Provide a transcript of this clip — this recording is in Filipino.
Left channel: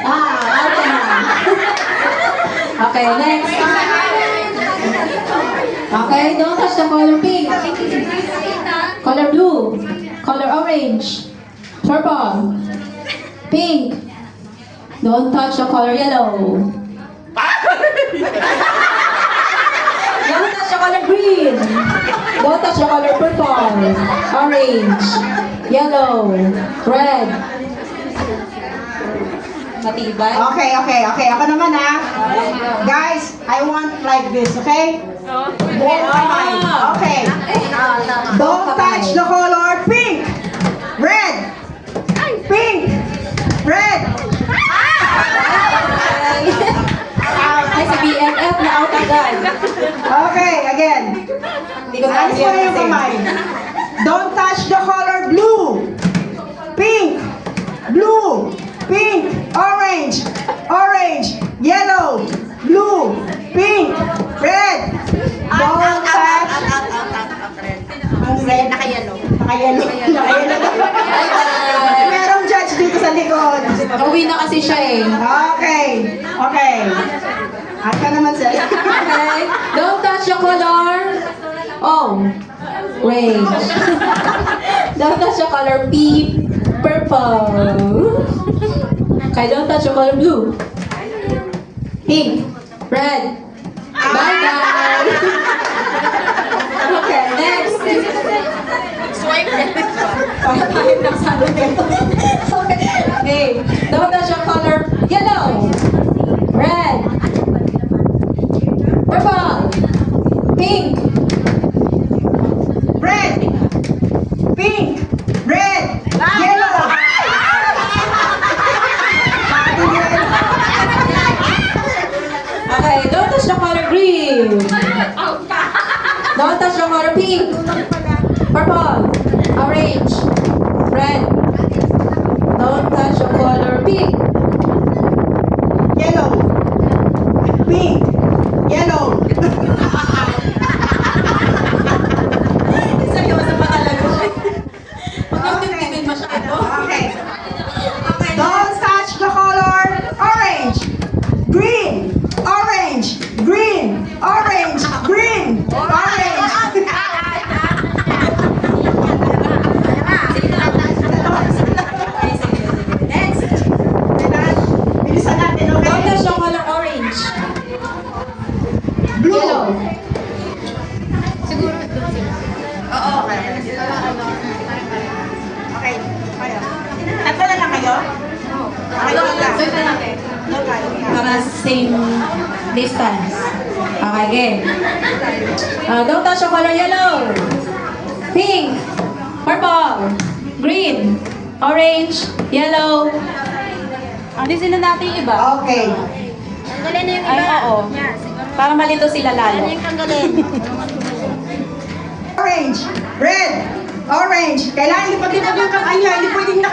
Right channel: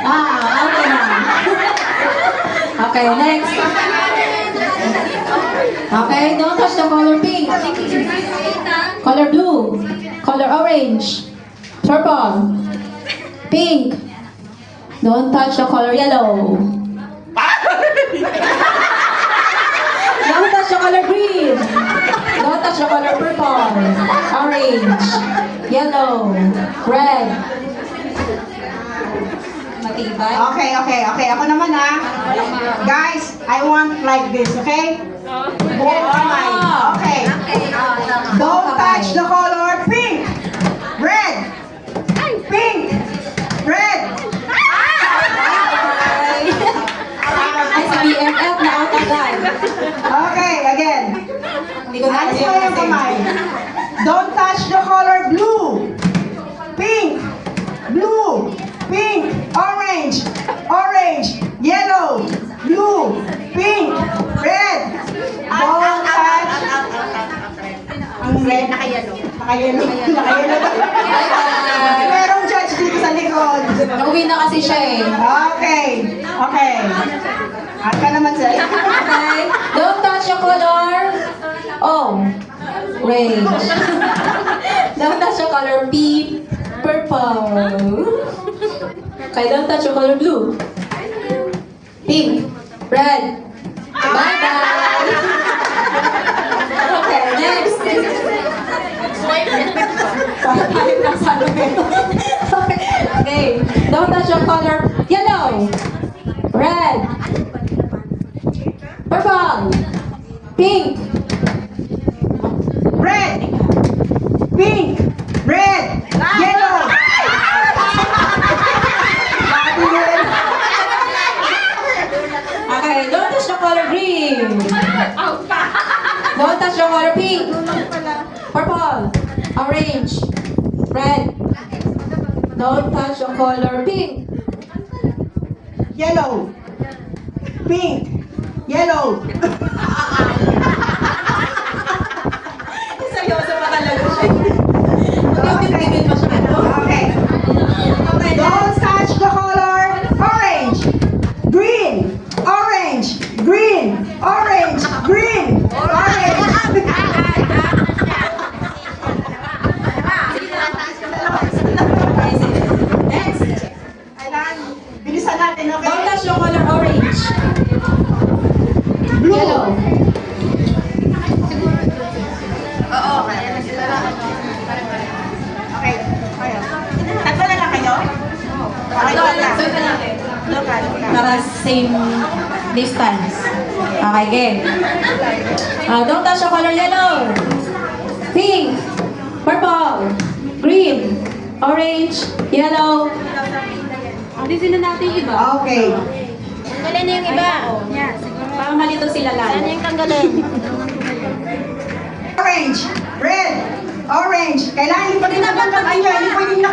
Okay na. Okay, next. Okay, don't touch the color pink. Color blue. Color orange. Purple. Pink. Don't touch the color yellow. Don't touch the color green. Don't touch the color purple. Orange. Yellow. Red. Matibay. Okay. Ako naman ha. Guys, I want like this, okay? Buong kamay. Okay. Don't touch the color pink. Red. Pink. Red. Ay, sa BFF na out agad. Okay, again. Hindi ko na Alis mo yung kamay. Don't touch the color blue. Pink. Blue. Pink. Orange. Orange. Yellow. Blue. Pink. Red. Don't touch. Ang red. Naka-yellow. Naka-yellow. Merong judge dito sa likod. Nauwi na kasi siya eh. Okay. At ka naman sa'yo. Okay. Don't touch the color orange. Don't touch the color purple. Okay, don't touch the color blue. Pink. Red. Bye-bye. Okay, next. Okay, don't touch the color yellow. Red. Purple. Pink. Red. Pink. Red. Yellow. Okay, don't touch the color green. Don't touch the color pink. Purple. Orange. Red. Don't touch the color pink. Yellow. Pink. Yellow. Seryoso pa talaga siya. Magpipigil masyado. Okay. Don't touch the color orange. Green. Orange. Green. Orange. Green. Orange. Next. Bilisan natin, Don't okay? touch the color orange. Blue. Yellow. Okay. Kayo. Tatlo na lang kayo? Okay, doon lang. Local. Para same distance. Okay, game. Don't touch the color yellow. Pink. Purple. Green. Orange. Yellow. Alisin na natin yung iba. Okay. Tanggalin na yung iba. Yan, siguro. Para malito sila Yan lalo. yung tanggalin. Orange. Red. Orange. Kailangan lipatin na yung kakanya. Hindi pwedeng